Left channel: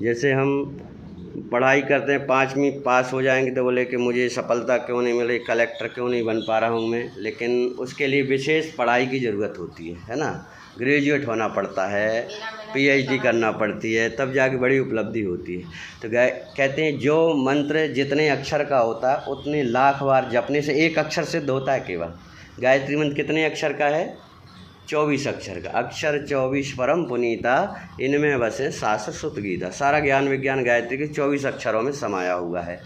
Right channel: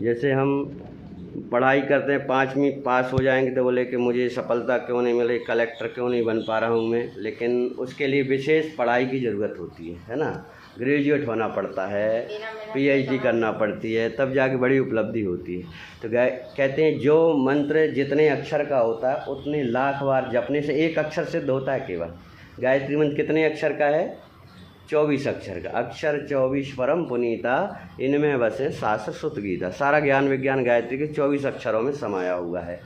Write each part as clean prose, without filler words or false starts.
जैसे हम पढ़ाई करते हैं, 5वीं पास हो जाएंगे तो बोले कि मुझे सफलता क्यों नहीं मिली, कलेक्टर क्यों नहीं बन पा रहा हूँ मैं। लेकिन उसके लिए विशेष पढ़ाई की ज़रूरत होती है ना। ग्रेजुएट होना पड़ता है, पीएचडी करना पड़ती है, तब जाके बड़ी उपलब्धि होती है। तो कहते हैं जो मंत्र जितने अक्षर का होता है उतने लाख बार जपने से एक अक्षर सिद्ध होता है केवल। गायत्री मंत्र कितने अक्षर का है? 24 अक्षर का। अक्षर 24 परम पुनीता, इनमें बसे शास्त्र श्रुत गीता। सारा ज्ञान विज्ञान गायत्री के 24 अक्षरों में समाया हुआ है।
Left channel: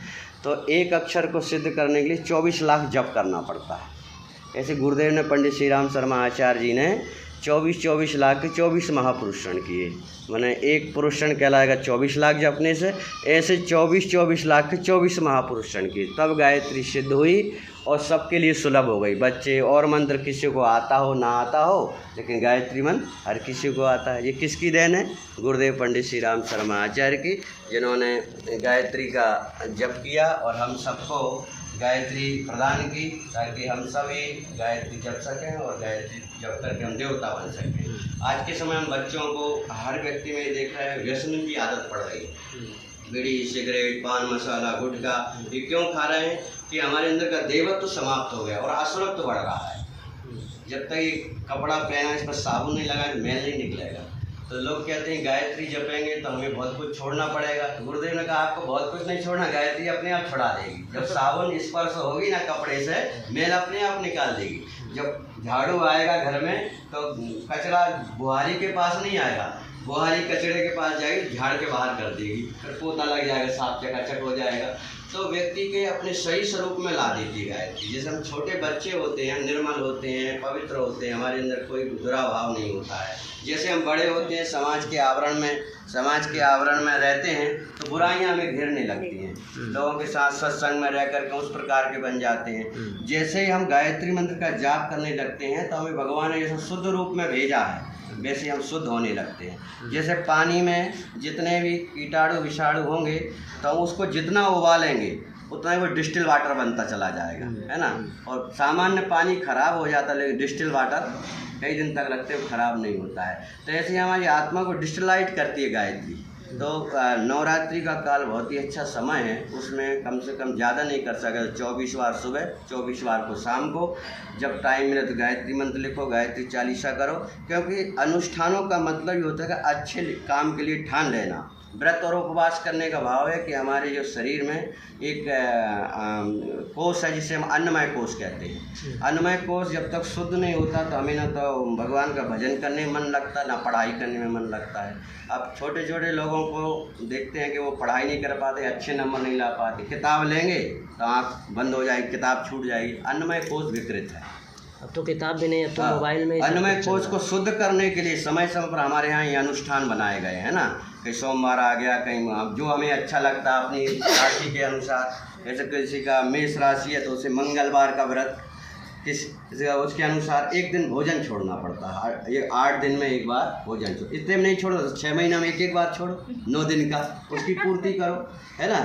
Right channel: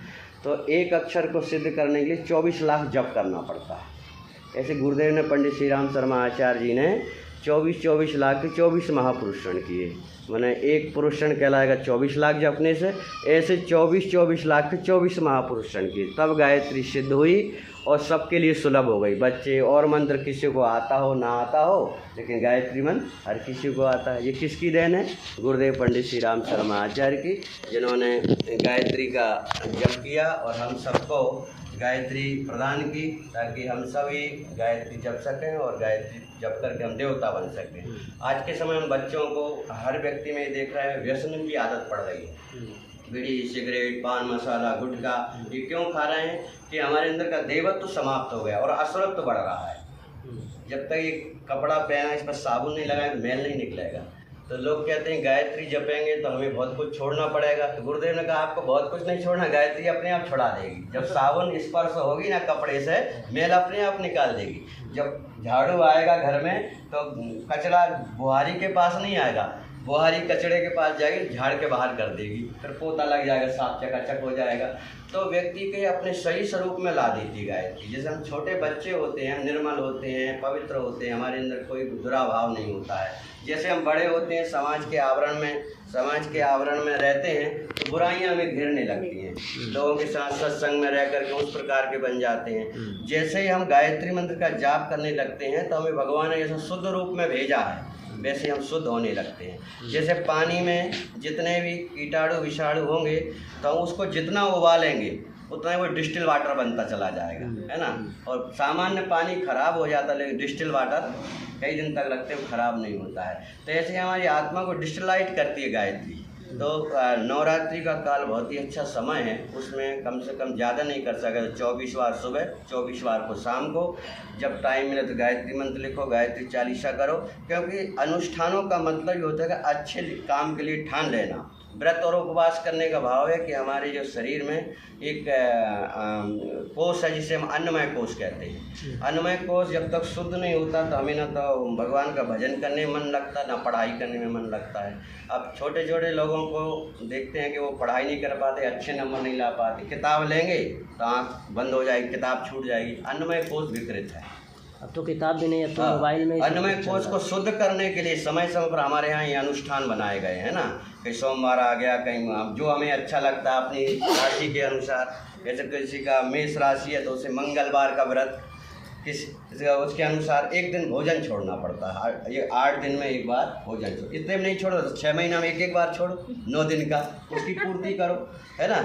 तो एक अक्षर को सिद्ध करने के लिए 24 लाख जप करना पड़ता है। ऐसे गुरुदेव ने, पंडित श्री राम शर्मा आचार्य जी ने 24 लाख के 24 महापुरुषण किए। माने एक पुरुषण कहलाएगा 24 लाख जपने से, ऐसे 24 लाख के 24 महापुरुषण किए, तब गायत्री सिद्ध हुई और सबके लिए सुलभ हो गई। बच्चे और मंत्र किसी को आता हो ना आता हो, लेकिन गायत्री मंत्र हर किसी को आता है। ये किसकी देन है? गुरुदेव पंडित श्री राम शर्मा आचार्य की, जिन्होंने गायत्री का जप किया और हम सबको गायत्री प्रदान की, ताकि हम सभी गायत्री जप सकें और गायत्री जप करके हम देवता बन सकें। आज के समय में बच्चों को, हर व्यक्ति में देख रहे हैं, व्यसन की आदत पड़ रही है। बीड़ी, सिगरेट, पान मसाला, गुटखा, ये क्यों खा रहे हैं? कि हमारे अंदर का देवत्व समाप्त हो गया और असुरत्व बढ़ रहा है। जब तक ये कपड़ा पहना, इस पर साबुन नहीं लगाए तो मैल नहीं निकलेगा। तो लोग कहते हैं गायत्री जपेंगे तो हमें बहुत कुछ छोड़ना पड़ेगा। गुरुदेव ने कहा आपको बहुत कुछ नहीं छोड़ना, गायत्री अपने आप छुड़ा देगी। जब साबुन स्पर्श होगी ना कपड़े से, मैल अपने आप निकाल देगी। जब झाड़ू आएगा घर में तो कचरा बुहारी के पास नहीं आएगा, बुहारी कचड़े के पास जाएगी, झाड़ के बाहर कर देगी, फिर पोता लग जाएगा, साफ चकाचक हो जाएगा। तो व्यक्ति के अपने सही स्वरूप में ला देती है गायत्री। जैसे हम छोटे बच्चे होते हैं, निर्मल होते हैं, पवित्र होते हैं, हमारे अंदर कोई बुरा भाव नहीं होता है। जैसे हम बड़े होते हैं, समाज के आवरण में रहते हैं, तो बुराइयां हमें घेरने लगती हैं। लोगों के साथ सत्संग में रह करके उस प्रकार के बन जाते हैं। जैसे ही हम गायत्री मंत्र का जाप करने लगते हैं तो हमें भगवान ने जैसे शुद्ध रूप में भेजा है, वैसे हम शुद्ध होने लगते हैं। जैसे पानी में जितने भी कीटाणु विषाणु होंगे तो उसको जितना उबालेंगे उतना ही वो डिस्टिल वाटर बनता चला जाएगा, है ना। और सामान्य पानी खराब हो जाता है, लेकिन डिस्टिल वाटर कई दिन तक रखते हुए खराब नहीं होता है। तो ऐसे ही हमारी आत्मा को डिस्टिलाइट करती है गायत्री। तो नवरात्रि का काल बहुत ही अच्छा समय है, उसमें कम से कम ज़्यादा नहीं कर सकते। 24 बार सुबह, 24 बार को शाम को, जब टाइम मिले तो गायत्री मंत्र लिखो, गायत्री चालीसा करो। क्योंकि अनुष्ठानों का मतलब ये होता है कि अच्छे काम के लिए ठान लेना। व्रत और उपवास करने का भाव है कि हमारे जो शरीर में एक कोष है जिसे हम अन्नमय कोष कहते हैं। अन्नमय कोष जब तक शुद्ध नहीं होता तो हमें ना तो भगवान का भजन करने में मन लगता, ना पढ़ाई करने में मन लगता है। अब छोटे छोटे लोगों को देखते हैं कि वो पढ़ाई नहीं कर पाते, अच्छे नंबर नहीं ला पाते, किताब लेंगे तो आँख बंद हो जाएगी, किताब छूट जाएगी। अन्नमय कोष विकृत है। अब तो किताब भी नहीं, अब तो मोबाइल में। अन्नमय कोष को शुद्ध करने के लिए समय समय पर हमारे यहाँ ये अनुष्ठान बनाए गए हैं ना। कहीं सोमवार आ गया, कहीं जो हमें अच्छा लगता है अपनी राशि के अनुसार। जैसे किसी का मेष राशि है तो उसे मंगलवार का व्रत, उसके अनुसार एक दिन भोजन छोड़ना पड़ता है। ये 8 दिन में एक बार भोजन छोड़ो। इतने में नहीं छोड़ो तो 6 महीना में एक बार छोड़ो, 9 दिन का उसकी पूर्ति करो, है ना।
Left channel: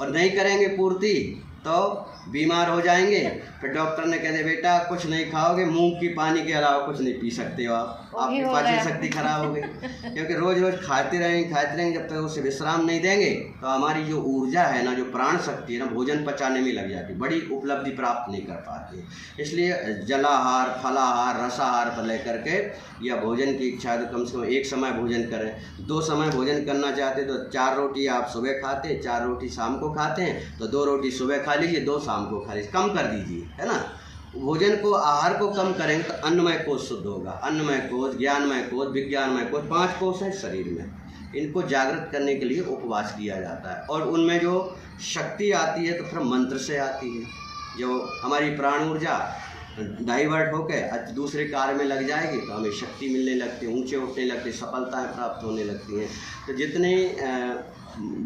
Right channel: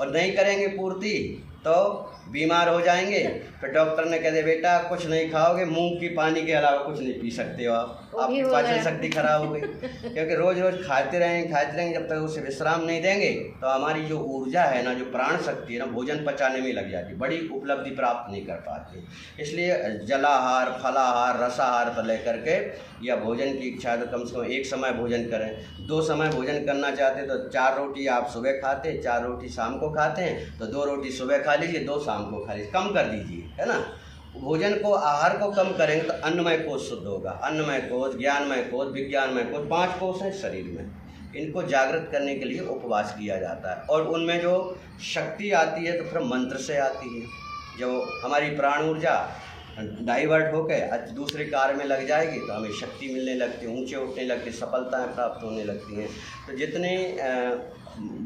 और नहीं करेंगे पूर्ति तो बीमार हो जाएंगे। फिर डॉक्टर ने कह दे बेटा कुछ नहीं खाओगे, मूंग की पानी के अलावा कुछ नहीं पी सकते हो आप, आपकी पाचन शक्ति खराब हो गई। क्योंकि रोज रोज खाते रहेंगे, जब तक उसे विश्राम नहीं देंगे तो हमारी जो ऊर्जा है ना, जो प्राण शक्ति है ना, भोजन पचाने में लग जाती, बड़ी उपलब्धि प्राप्त नहीं कर पाती। इसलिए जलाहार, फलाहार, रसाहार पर लेकर के या भोजन की इच्छा तो कम से कम एक समय भोजन करें। 2 समय भोजन करना चाहते तो 4 रोटी आप सुबह खाते हैं, 4 रोटी शाम को खाते हैं तो 2 रोटी सुबह खा लीजिए, 2 शाम को खा लीजिए, कम कर दीजिए, है ना। भोजन को, आहार को कम करेंगे तो अन्नमय कोष शुद्ध होगा। अन्नमय कोष, ज्ञानमय कोष, विज्ञानमय कोष, 5 कोष हैं शरीर में। इनको जागृत करने के लिए उपवास किया जाता है और उनमें जो शक्ति आती है तो फिर मंत्र से आती है। जो हमारी प्राण ऊर्जा डाइवर्ट होकर दूसरे कार्य में लग जाएगी तो हमें शक्ति मिलने लगती है, ऊंचे उठने लगती, सफलताएं प्राप्त होने लगती हैं। तो जितने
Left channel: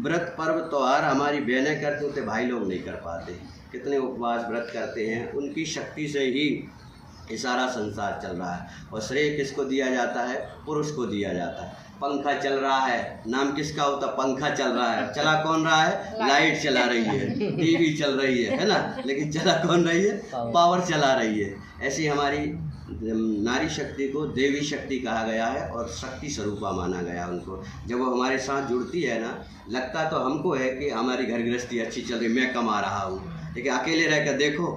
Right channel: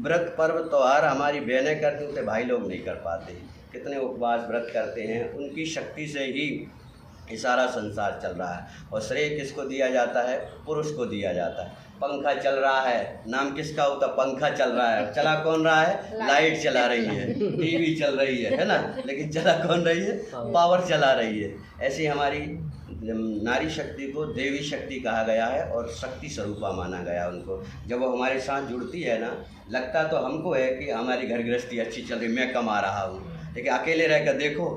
व्रत पर्व त्यौहार हमारी बहनें करती होते भाई लोग नहीं कर पाते। कितने उपवास व्रत करते हैं, उनकी शक्ति से ही ये सारा संसार चल रहा है। और श्रेय किसको दिया जाता है? पुरुष को दिया जाता है। पंखा चल रहा है, नाम किसका होता? पंखा चल रहा है। चला कौन रहा है? लाइट चला रही है, टीवी चल रही है ना, लेकिन चला कौन रही है? पावर चला रही है। ऐसी हमारी नारी शक्ति को देवी शक्ति कहा गया है और शक्ति स्वरूपा माना गया उनको। जब वो हमारे साथ जुड़ती है ना, लगता तो हमको है कि हमारी घर गृहस्थी अच्छी चल रही, मैं कमा रहा हूँ, लेकिन अकेले रह कर देखो,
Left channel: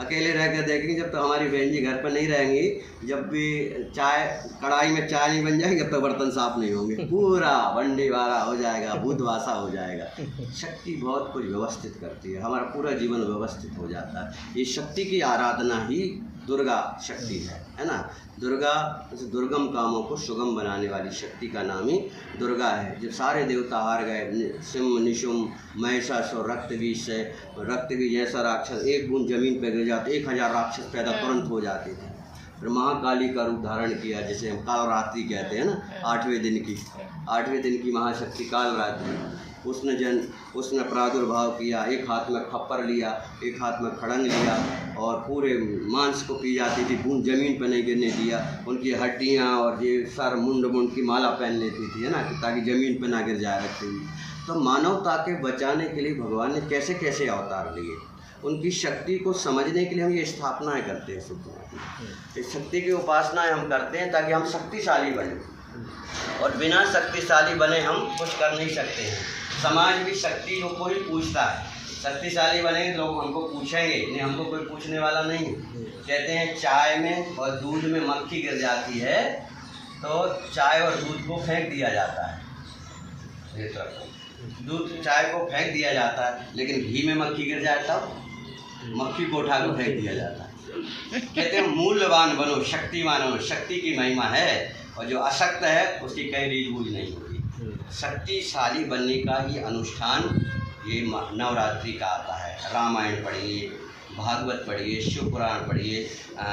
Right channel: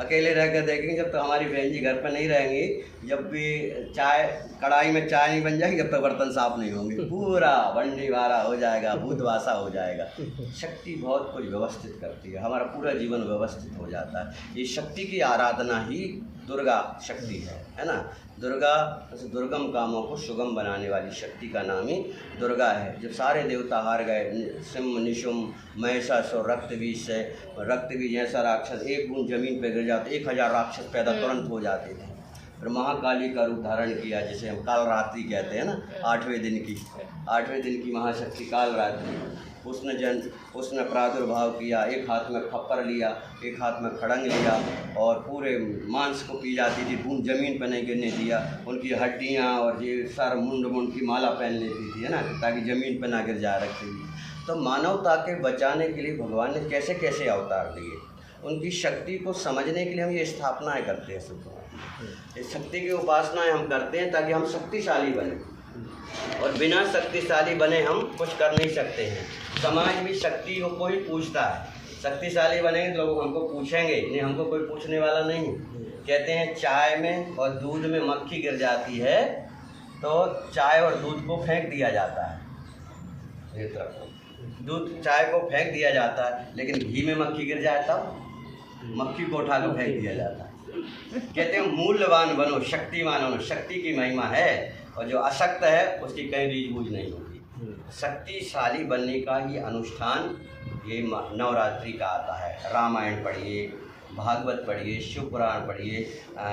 अकेले रह कर देखेंगे जब तो हमारी बहन जी घर पर नहीं रहेंगी, जब भी चाय कढ़ाई में चाय नहीं बन जाएगी, जब तक बर्तन साफ नहीं होंगे, पूरा बंडी वारा हो जाएगा, भूतवासा हो जाएगा। शक्ति बहुत कुछ व्यवस्थित करती है, हमारा पूरा जीवन व्यवस्थित हो जाता है। ये शक्ति की आराधना ही दुर्गा शक्ति है ना। दुर्गा दुर्गम कामों को सुगम बनाने वाली शक्ति का नाम ही दुर्गा है। जो सारे देवता हार गए, सिंह निशुम महिषासुर रक्तबीज से, रक्तबीज जैसा राक्षस एक बूंद जमीन पर गिर जाते 1000 राक्षस पैदा तुरंत हो जाते थे। फिर महाकाली का रूप धारण किया, जिसे हम कालरात्रि कहते हैं ना, 8वें दिन की महाशक्ति कालरात्रि। उसने प्रादुर्भाव किया, एक हाथ में खप्पर लिया, एक हाथ में खड़ंग लिया और पूरे मांस को पी जाती थी, बूंद जमीन पर नहीं गिरने दिया। उनकी हड्डियाँ और ये सर मुंड की माला पहन लेती थी, है ना, ताकि ज़मीन पर ना गिर जाए रखती हुई। तो मानवता के बचाने के लिए भगवान ने कैसे कैसे अवतार लिए, उनकी शक्ति को समझने के लिए हम ये स्थापनाएँ करते हैं। इस शक्ति की उपासनाएँ हम करते हैं ताकि हम शक्तिशाली बने, और बिना शक्तिशाली बने हम कुछ कर नहीं सकते हैं। समाज की शक्ति को कोई पूछता है, शक्तिशाली बने लोग हमको पूछेंगे, नहीं हमको कोई पूछने वाला नहीं। कहते हैं चाय में और दूध में मक्खी गिर जाती है तो चाय और दूध को फेंक दिया जाता है, दूध चाय को फेंक दिया जाता है, लेकिन घी में मक्खी गिर जाए तब मक्खी को उठा कर फेंक दिया जाता है। कहते हैं मूल्यवान बनो, शक्तिमान बनो, शक्ति की महिमा है, और जो अशक्त है उसकी कहीं रीझबूझ नहीं होती। शक्तिशाली बनने का ही अनुष्ठान ये नवरात्रि का आता है। रामायण पढ़िए, भागवत पढ़िए, शिव पुराण पढ़िए,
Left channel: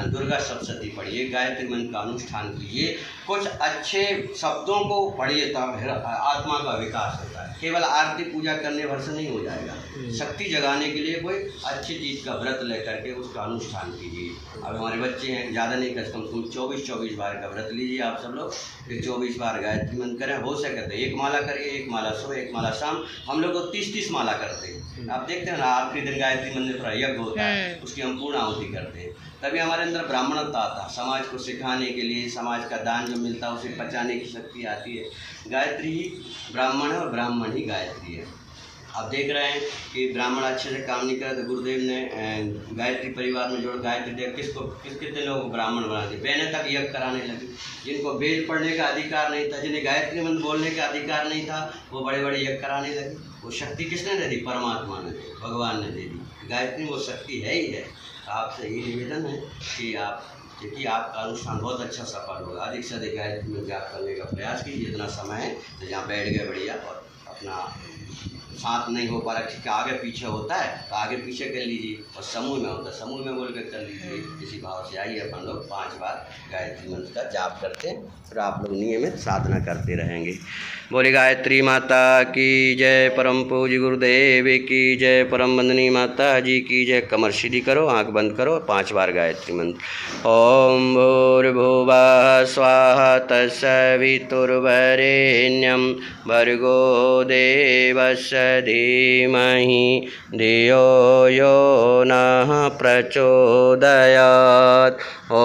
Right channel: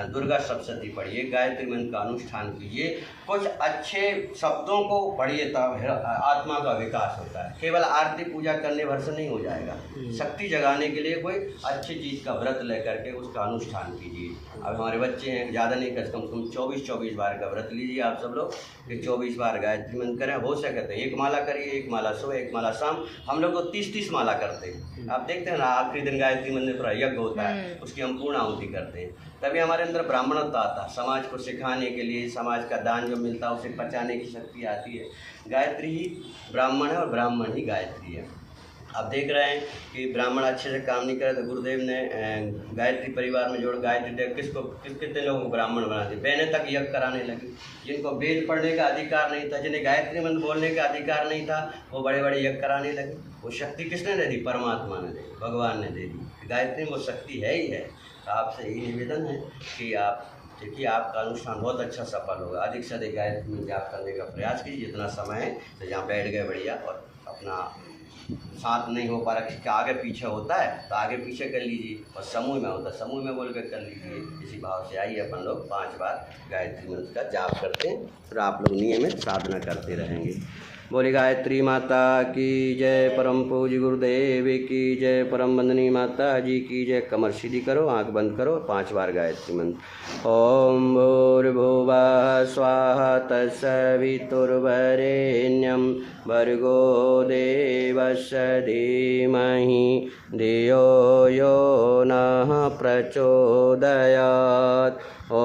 दुर्गा सप्तशती पढ़िए, गायत्री मंत्र का अनुष्ठान कीजिए, कुछ अच्छे शब्दों को पढ़िए, तब आत्मा का विकास होता है। केवल आरती पूजा करने भर से नहीं हो जाएगा। शक्ति जगाने के लिए कोई अच्छी चीज़ का व्रत लेकर के उसका अनुष्ठान कीजिए। अब हमारे बच्चे हैं, ज़्यादा नहीं कर, कम से कम 24 बार का व्रत लीजिए आप सब लोग, फिर 24 बार गायत्री मंत्र करें। हो सके तो 1 माला करिए, 1 माला सुबह, 1 माला शाम। हम लोग तो 30-30 माला करते हैं। आप देखते हैं ना, आखिरी दिन गायत्री मंत्र थोड़ा यज्ञ होता है, उसकी हम पूर्ण आहुति करते हैं। तभी हमारे अंदर ब्राह्मणत्व आता, समाज को सिखाने के लिए, समाज का दान जो मिलता है उसे बचाने की शक्ति आती है। गायत्री ही ब्राह्मण है और ब्राह्मण ही गायत्री है। आप देख रहे हैं कि ब्राह्मण अच्छे से काम नहीं करे तो गुरुदेव ने गायत्री परिवार में जोड़ गायत्री कितने लोगों को ब्राह्मण बना दिए। बहनें तक यज्ञ कराने लगी, जिनको वेद पढ़ने का अधिकार नहीं था, जिन्हें गायत्री मंत्र बोलने का अधिकार नहीं था, वो बड़े बड़े यज्ञ कराने लगे। वो शक्ति किसने दे दी? परमात्मा ने, भगवान ने दे दी। गायत्री वो शक्ति है ही है। आपसे यही निवेदन है कि आप देखिए, आपका अनुष्ठान बहुत अच्छा सफल होगा। अधिक से अधिक गायत्री मंत्र जाप करने का प्रयास कीजिए। जितना समय है तो जहाँ बैठ गए बढ़िया, और अपना साथ नहीं हो पा रहा, आगे पीछे होता है तो आगे पीछे कर लीजिए, और समूह में होता है समूह में बोल कर लीजिए। इसी भाव से आइए अपन लोग 5 बार गायत्री मंत्र का जाप करते हैं, फिर आप लोग नियमित साधना करते रहेंगे। बोले गायत्री माता की जय, परम पूज्य गुरुदेव की जय, परम वंदनी माता जी की जय। कमर सीधी करो, आंख बंद करो, 5 बार गायत्री मंत्र। ओम भूर्भुवः स्वाहा तत्सवितुर्वरेण्यं भर्गो देवस्य धीमहि धियो यो नः प्रचोदयात्।